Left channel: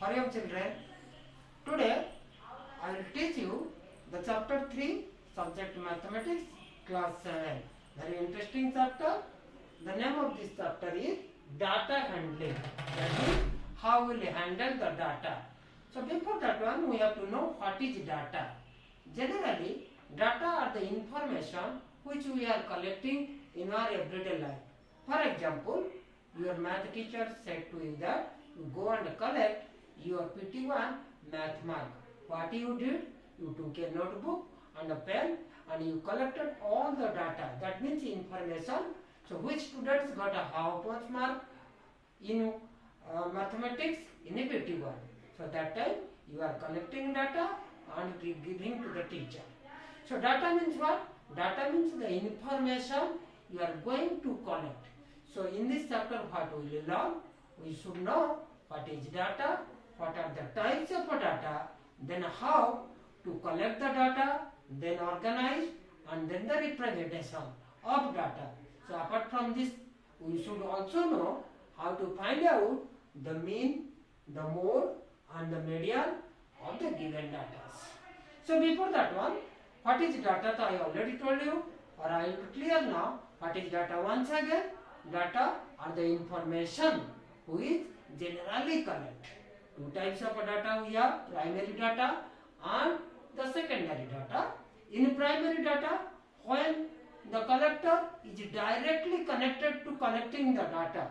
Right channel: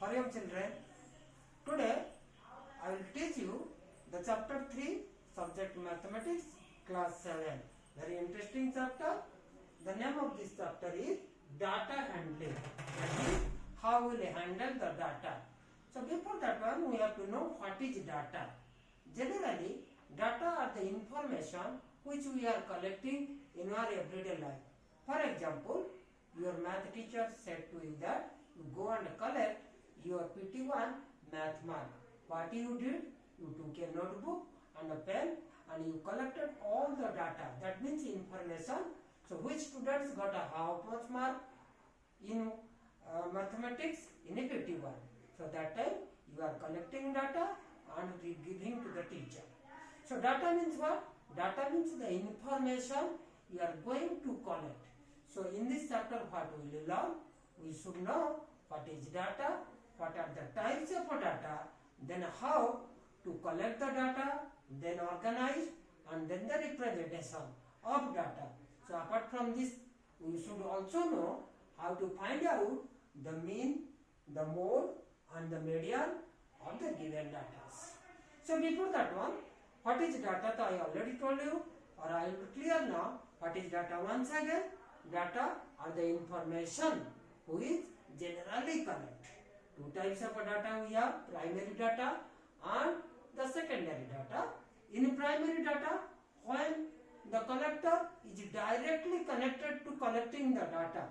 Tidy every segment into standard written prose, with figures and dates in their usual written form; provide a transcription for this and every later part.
Hurry up, children. Today I will teach you the chapter 3, subject mathematics, class 7. Very interesting chapter. The name of this chapter is data handling. That is how we will handle the data. So before that one, we have to know what is data. Generally, data are the information which we are collecting in our everyday life. For example, your math teacher said to you that you go and collect your PT1 math mark. What you did? You took a notebook and a pen and you collected all the data. That means information. So which students got a how much mark in mathematics in a PT1? So that time you are collecting data and giving to the teacher. So data means what? Data means the information you are going to collect. So in this chapter what we will learn? We should know what is data, what are the types of data, then how to collect the data, then organize, and then the representation of data. So apart from this, we should also know how to find out the mean, the mode, and the median of the given data. So before that one, what is data? I already told you, or I will clear now. What is data? Once again, data are the information which generally collect. Two types of data we have: primary data and the secondary data. In primary data, when the collector is directly connected to collecting the data.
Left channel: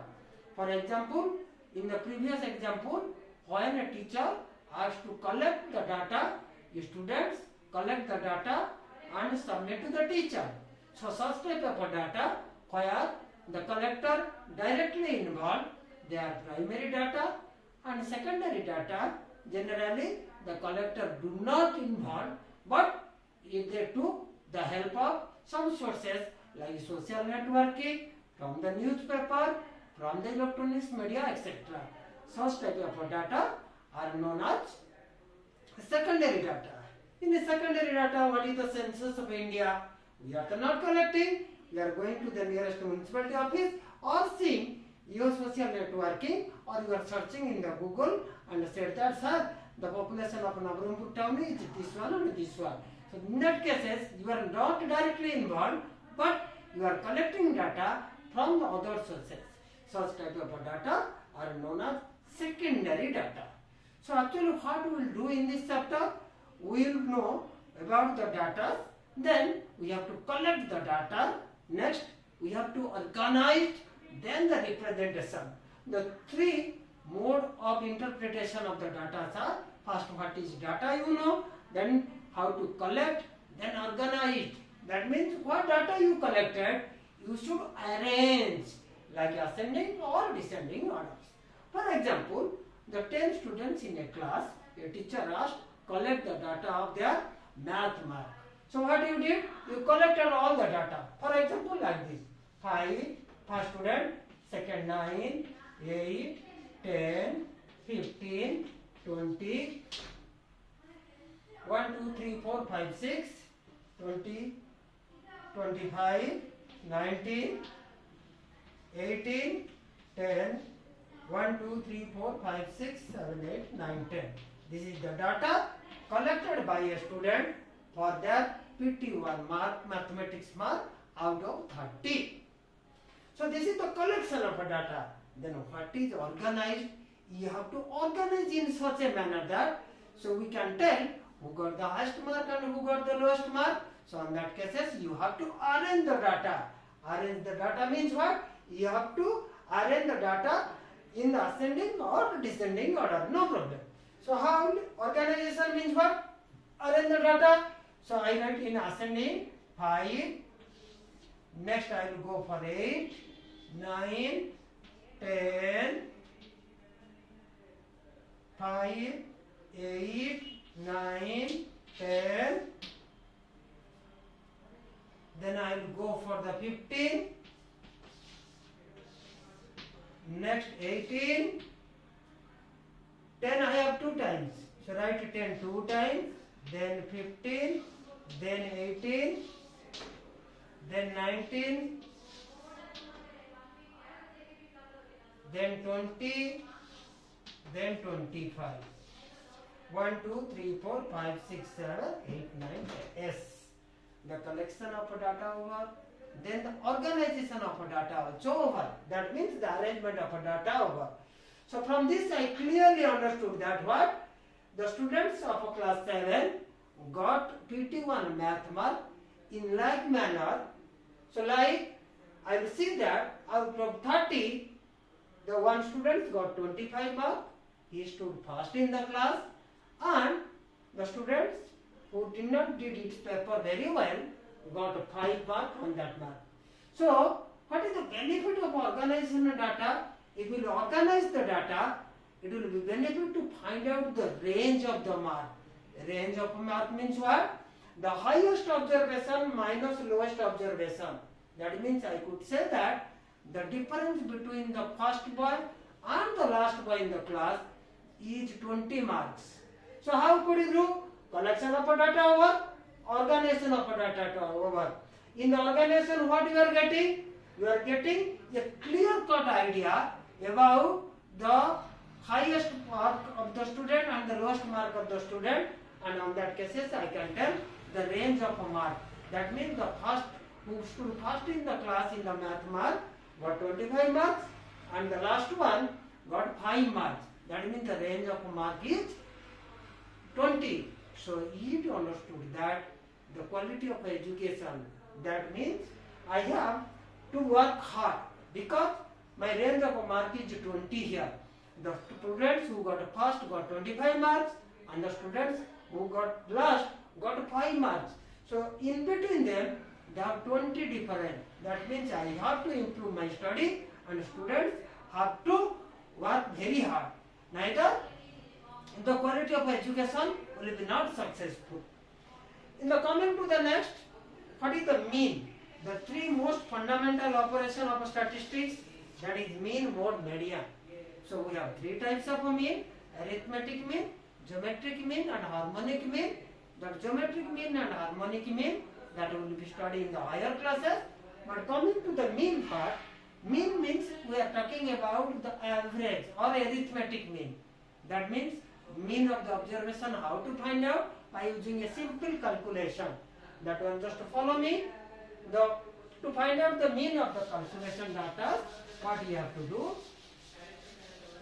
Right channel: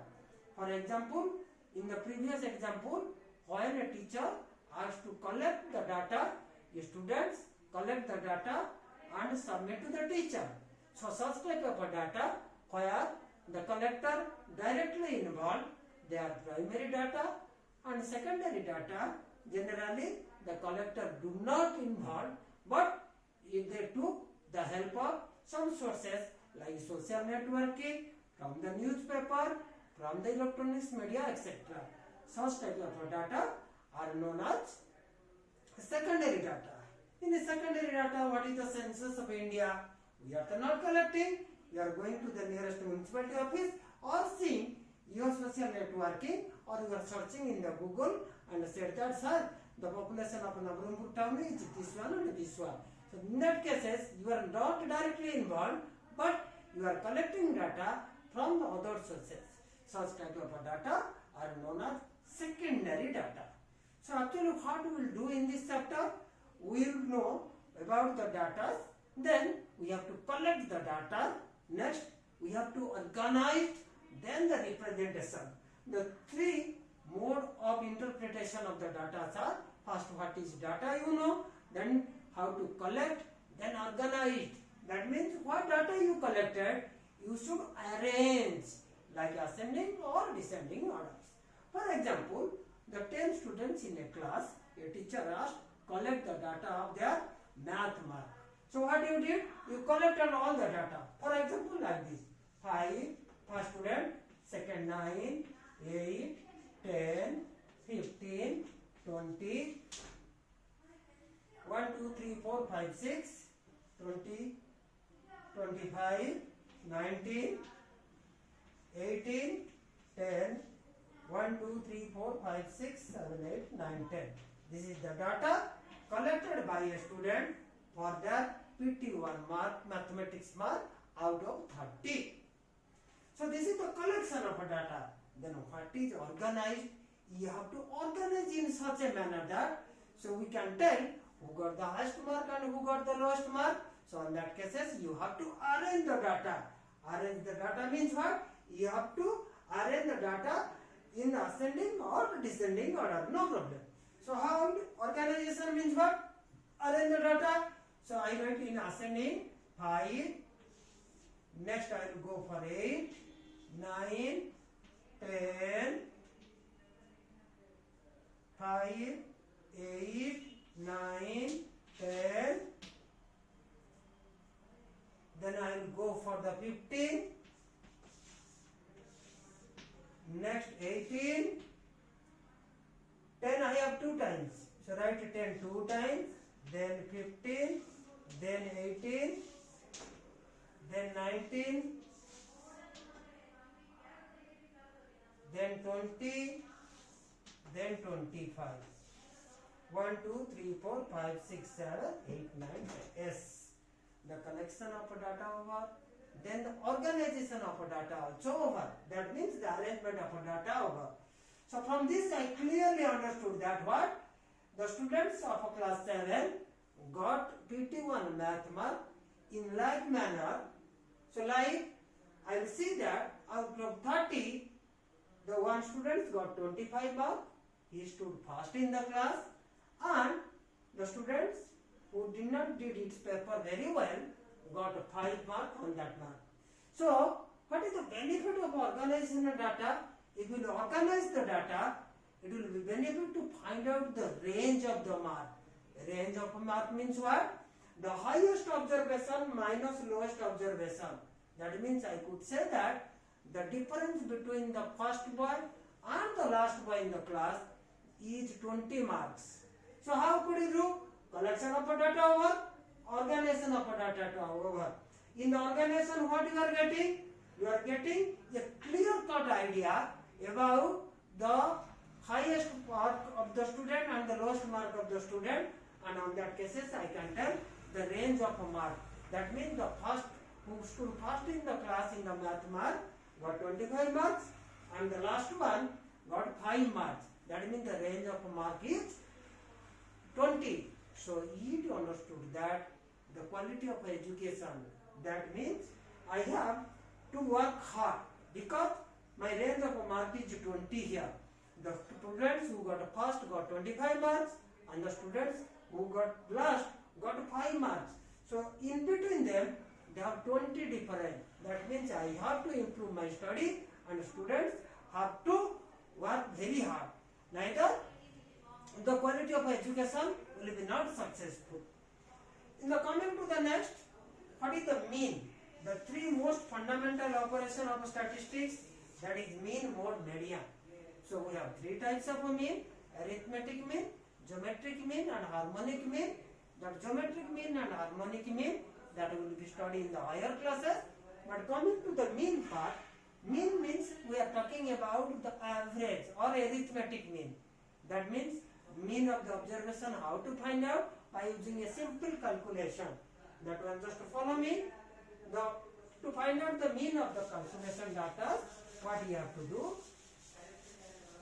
For example, in the previous example, when a teacher asked to collect the data, students collect the data and submit to the teacher. So such type of data where the collector directly involved, they are primary data, and secondary data generally the collector do not involve, but if they took the help of some sources like social networking, from the newspaper, from the electronics media, etc. Such type of data are known as secondary data. In the secondary data, what is the census of India? We are not collecting. We are going to the nearest municipality office or seeing your social networking, or you are searching in the Google and said that, sir, the population of Nabarambur town is this one and this one. So in that cases, you are not directly involved, but you are collecting data from the other sources. Such type of data are known as secondary data. So actually what we will do in this chapter, we will know about the data, then we have to collect the data, next we have to organize, then the representation. The three mode of interpretation of the data are: first what is data you know, then how to collect, then organize. That means what data you collected, you should arrange like ascending or descending orders. For example, the 10 students in a class, a teacher asked, collect the data of their math mark. So what you did? You collected all the data. For example, like this: 5, first student, second 9, 8, 10, 15, 20, 1, 2, 3, 4, 5, 6, 20, 25, 19, 18, 10, 1, 2, 3, 4, 5, 6, 7, 8, 9, 10. This is the data collected by a student for their PT1 mark, mathematics mark out of 30. So this is the collection of data. Then what is organized? You have to organize in such a manner that so we can tell who got the highest mark and who got the lowest mark. So in that cases, you have to arrange the data. Arrange the data means what? You have to arrange the data in the ascending or descending order, no problem. So how organization means what? Arrange the data. So I write in ascending 5, next I will go for 8, 9, 10, 5, 8, 9, 10, then I will go for the 15, next 18, 10 I have 2 times, so write 10 2 times, then 15, then 18, then 19, then 20, then 25. 1, 2, 3, 4, 5, 6, 7, 8, 9, S. The collection of data over, then the organization of data also over. That means the arrangement of data over. So from this I clearly understood that what? The students of class 7 got PT1 math mark in like manner. So like I will see that out of 30, the one student got 25 marks. He stood first in the class, and the students who did not did its paper very well got 5 marks on that mark. So what is the benefit of organization of data? If you will organize the data, it will be benefit to find out the range of the mark. The range of mark means what? The highest observation minus lowest observation. That means I could say that the difference between the first boy and the last boy in the class is 20 marks. So how could you do? Collection of data over, organization of data over. In the organization, what you are getting? You are getting a clear-cut idea about the highest mark of the student and the lowest mark of the student, and on that cases I can tell the range of a mark. That means the first who stood first in the class in the math mark got 25 marks, and the last one got 5 marks. That means the range of a mark is 20. So you understood that the quality of education, that means I have to work hard because my range of a mark is 20 here. The students who got first got 25 marks, and the students who got last got 5 marks. So in between them they have 20 different. That means I have to improve my study, and students have to work very hard. Neither the quality of education will be not successful. In the coming to the next, what is the mean? The three most fundamental operation of statistics, that is mean, mode, median. So we have three types of mean: arithmetic mean, geometric mean, and harmonic mean. That geometric mean and harmonic mean, that will be studied in the higher classes. But coming to the mean part, mean means we are talking about the average or arithmetic mean. That means mean of the observation, how to find out? By using a simple calculation. That one, just follow me. To find out the mean of the calculation data, what you have to do?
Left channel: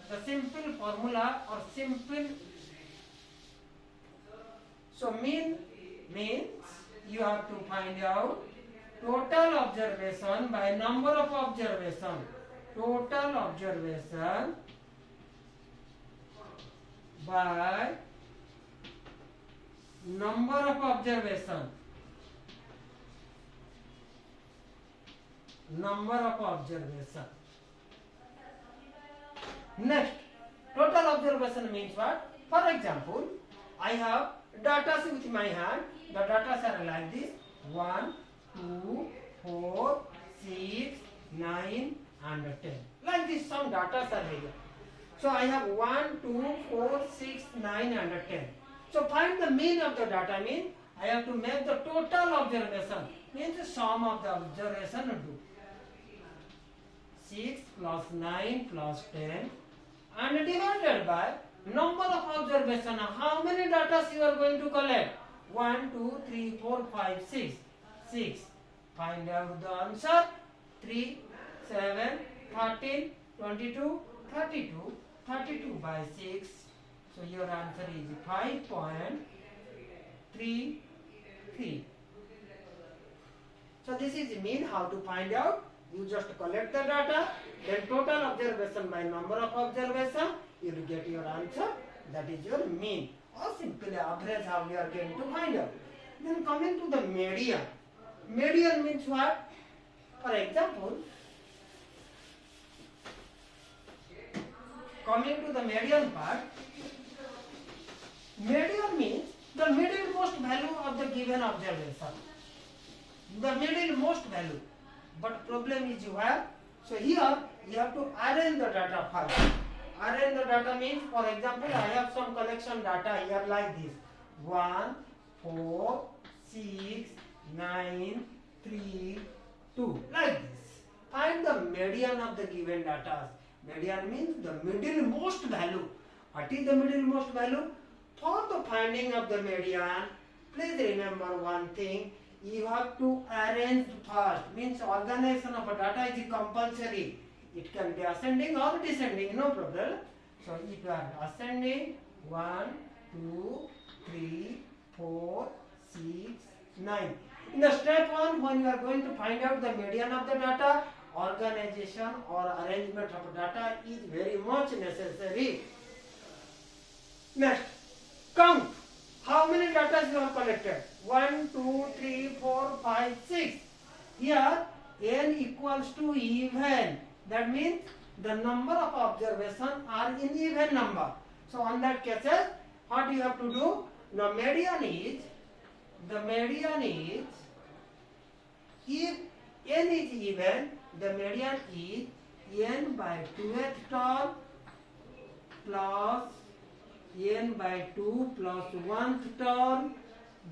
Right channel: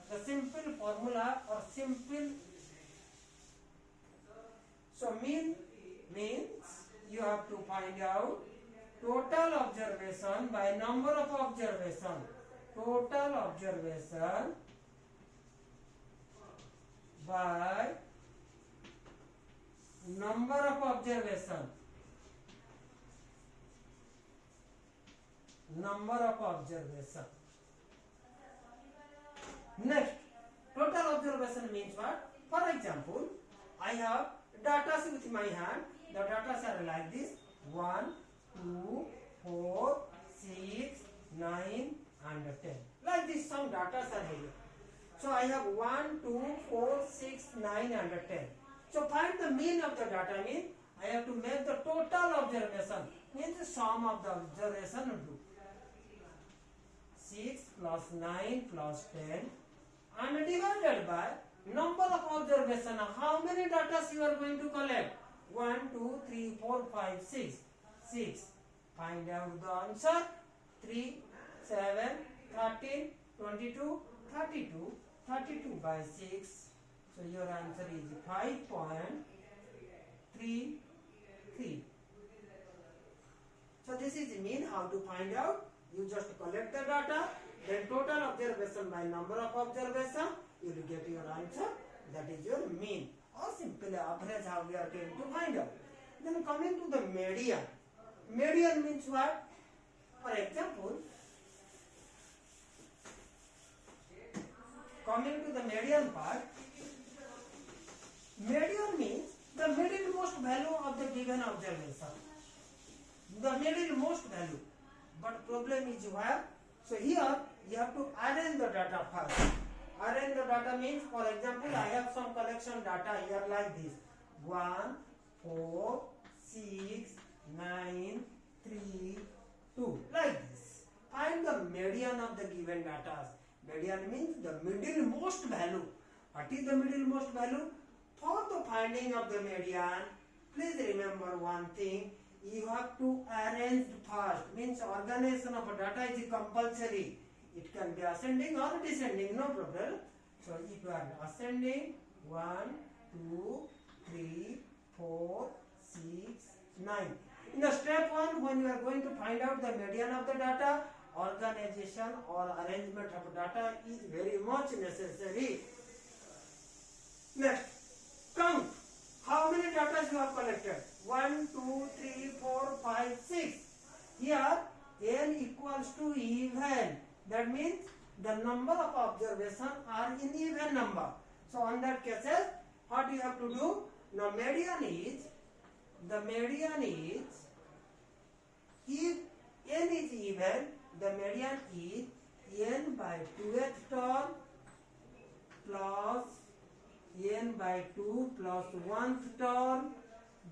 The simple formula or simple. So mean means you have to find out total observation by number of observation. Total observation by number of observation. Number of observation. Next, total observation means what? For example, I have data with my hand. The data are like this: 1, 2, 4, 6, 9, and 10. Like this, some data are here. So I have 1, 2, 4, 6, 9, and 10. So find the mean of the data. Mean I have to make the total observation. Means the sum of the observation do. 6 plus 9 plus 10 and divided by number of observation. How many data you are going to collect? 1, 2, 3, 4, 5, 6. 6. Find out the answer. 3, 7, 13, 22, 32. 32 by 6. So your answer is 5.33. So this is mean. How to find out? You just collect the data, then total observation by number of observation, you will get your answer. That is your mean, or simply average, how we are going to find out. Then coming to the median. Median means what? For example, coming to the median part, median means the middlemost value of the given observation. The middlemost value. But problem is you have, so here you have to arrange the data first. Arrange the data means, for example, I have some collection data here like this: 1, 4, 6, 9, 3, 2, like this. Find the median of the given data. Median means the middlemost value What is the middlemost value? For the finding of the median, please remember one thing. You have to arrange first. Means organization of a data is compulsory. It can be ascending or descending, no problem. So if you are ascending, 1, 2, 3, 4, 6, 9. In the step 1, when you are going to find out the median of the data, organization or arrangement of data is very much necessary. Next, count. How many data you have collected? 1, 2, 3, 4, 5, 6. Here, n equals to even. That means the number of observations are in even number. So on that cases, what you have to do? Now median is, if n is even, the median is n by 2th term plus n by 2 plus 1th term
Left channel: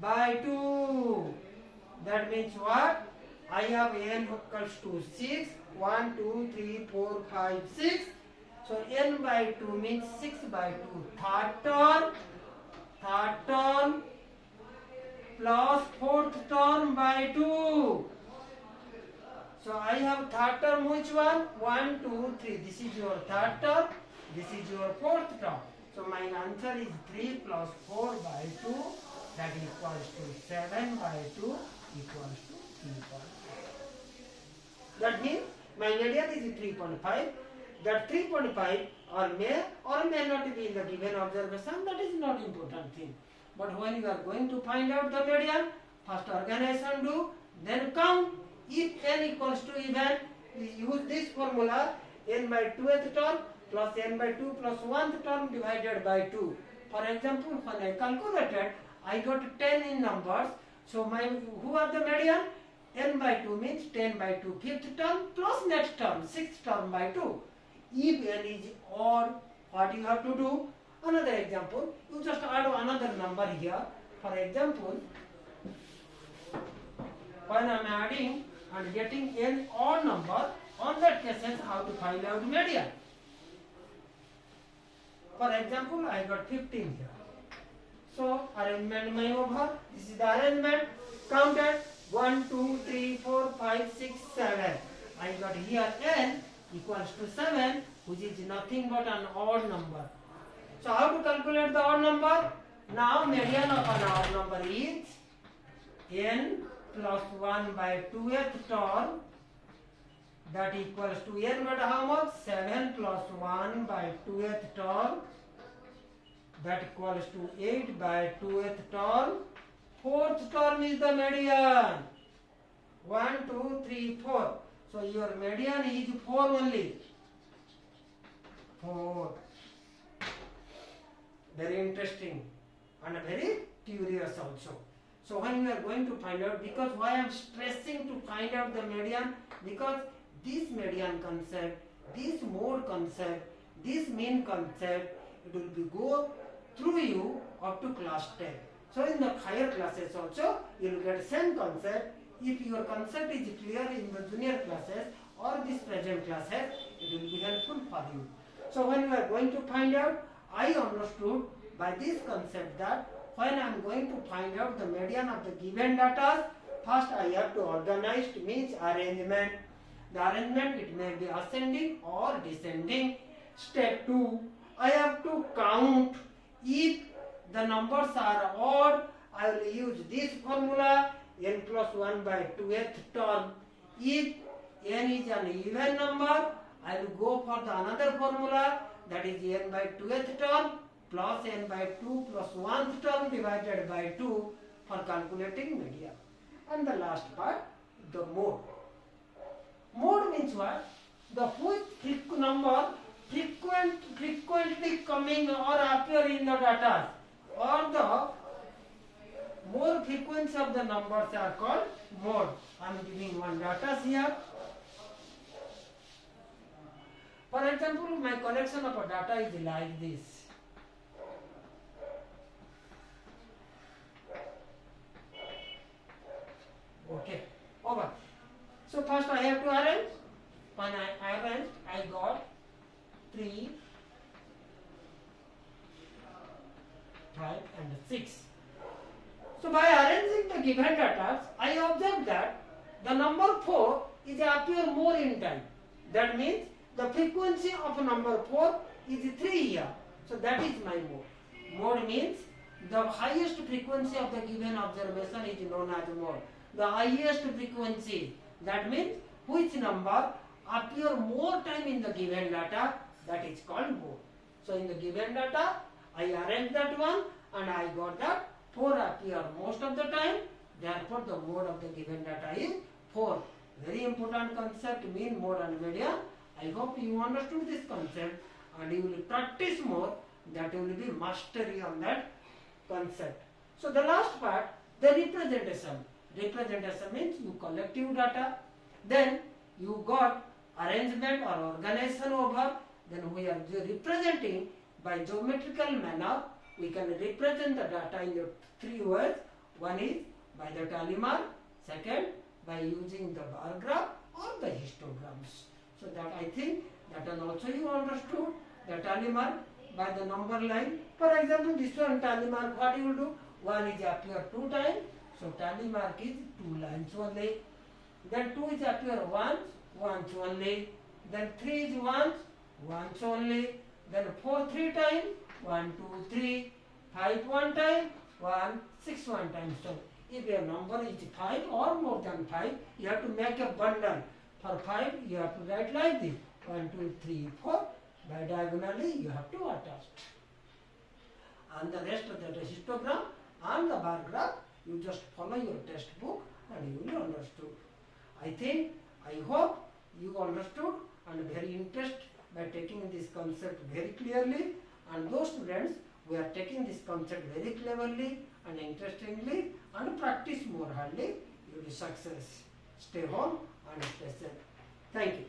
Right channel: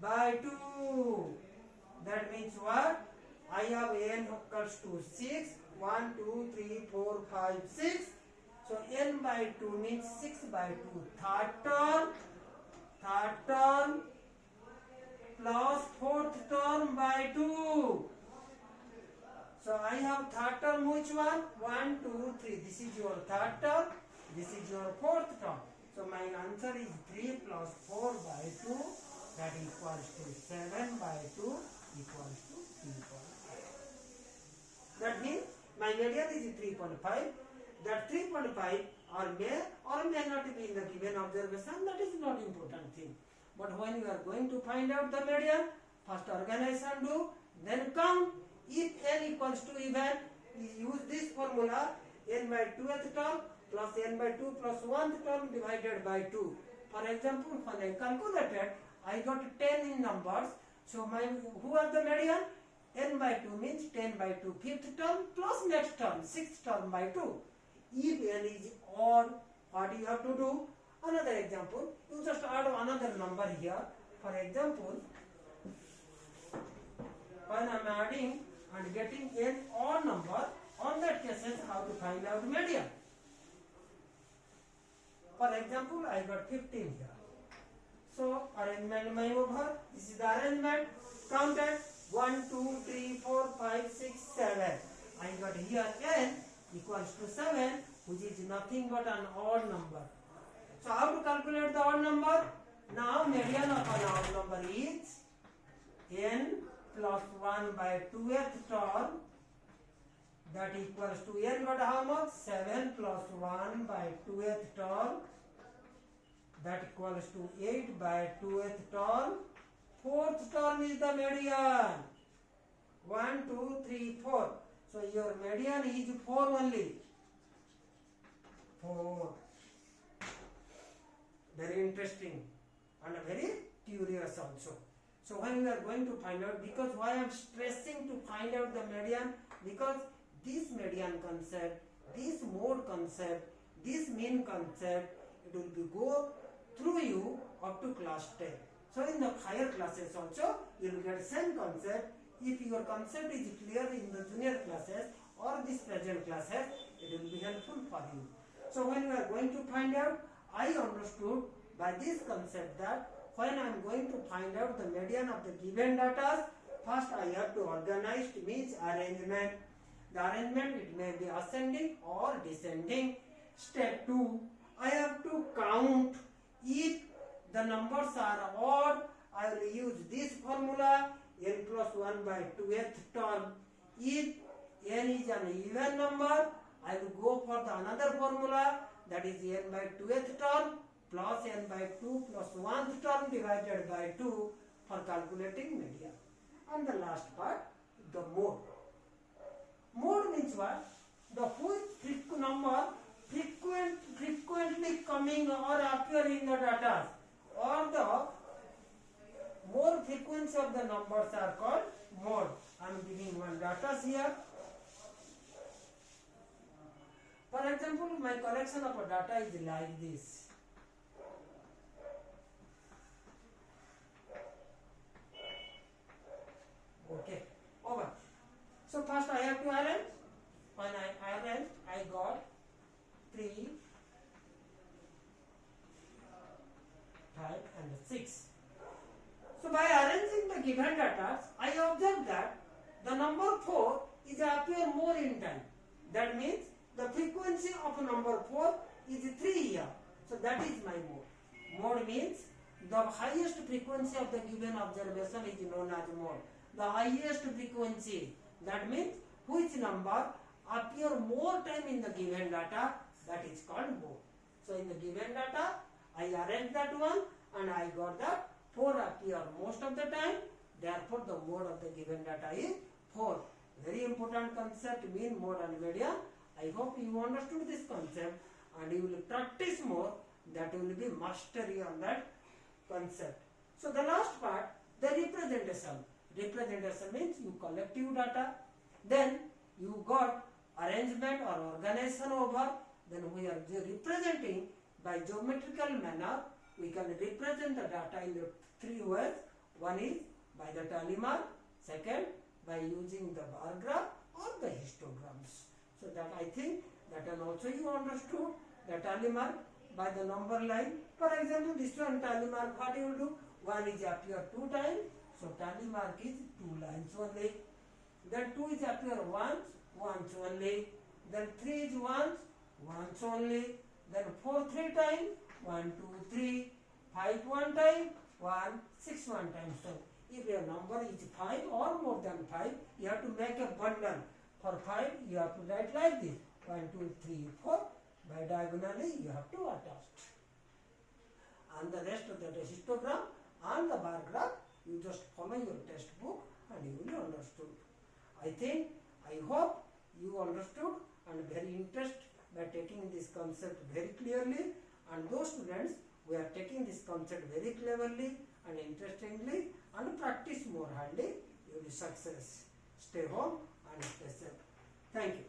by 2. That means what? I have n equals to 6. 1, 2, 3, 4, 5, 6. So n by 2 means 6 by 2. Third term plus 4th term by 2. So I have third term, which one? 1, 2, 3. This is your third term. This is your 4th term. So my answer is 3 plus 4 by 2. That equals to 7 by 2 equals to 3.5. That means my median is 3.5. That 3.5 or may not be in the given observation. That is not important thing. But when you are going to find out the median, first organization do, then count. If n equals to even, use this formula, n by 2th term plus n by 2 plus 1th term divided by 2. For example, when I calculated, I got 10 in numbers. So who are the median? n by 2 means 10 by 2 5th term plus next term 6th term by 2. If n is odd, what you have to do? Another example, you just add another number here. For example, when I am adding and getting n odd number, on that cases how to find out median. For example, I got 15 here. So arrangement my over. This is the arrangement. Counted 1, 2, 3, 4, 5, 6, 7. I got here n equals to 7, which is nothing but an odd number. So how to calculate the odd number? Now median of an odd number is n plus 1 by 2th term. That equals to n but how much? 7 plus 1 by 2th term. That equals to 8 by 2th term. 4th term is the median. 1, 2, 3, 4. So your median is 4 only. 4. Very interesting and very curious also. So when we are going to find out, because why I am stressing to find out the median, because this median concept, this mode concept, this mean concept, it will be go through you up to class 10. So in the higher classes also, you will get same concept. If your concept is clear in the junior classes or this present classes, it will be helpful for you. So when you are going to find out, I understood by this concept that when I am going to find out the median of the given data, first I have to organize, means arrangement. The arrangement, it may be ascending or descending. Step 2, I have to count. If the numbers are odd, I will use this formula, n plus 1 by 2th term. If n is an even number, I will go for the another formula, that is n by 2th term plus n by 2 plus 1th term divided by 2 for calculating median. And the last part, the mode. Mode means what? The which number frequently coming or appear in the data, or the more frequency of the numbers are called mode. I am giving one data here. For example, my collection of a data is like this. Okay, over. So first I have to arrange. When I arrange, I got 3, and 6. So by arranging the given data, I observe that the number 4 is appear more in time. That means the frequency of number 4 is 3 here. So that is my mode. Mode means the highest frequency of the given observation is known as mode. The highest frequency, that means which number appear more time in the given data, that is called mode. So in the given data, I arrange that one and I got that 4 appear most of the time. Therefore, the mode of the given data is 4. Very important concept, mean, mode and median. I hope you understood this concept and you will practice more. That will be mastery on that concept. So the last part, the representation. Representation means you collective data, then you got arrangement or organization over, then we are representing by geometrical manner. We can represent the data in the 3 ways. One is by the tally mark, second by using the bar graph or the histograms. So that I think that and also you understood the tally mark by the number line. For example, this one tally mark, what you will do? 1 is appear 2 times, so tally mark is 2 lines only. Then 2 is appear once only. Then 3 is once only. Then 4 3 times, 1 2 3. 5 1 time, 1 6 1 time. So if your number is 5 or more than 5, you have to make a bundle. For 5, you have to write like this: 1 2 3 4. By diagonally, you have to attach. And the rest of the histogram and the bar graph, you just follow your textbook and you will understood. I hope you understood and very interested by taking this concept very clearly. And those students who are taking this concept very cleverly and interestingly and practice more hardly, you will be success. Stay home and stay safe. Thank you.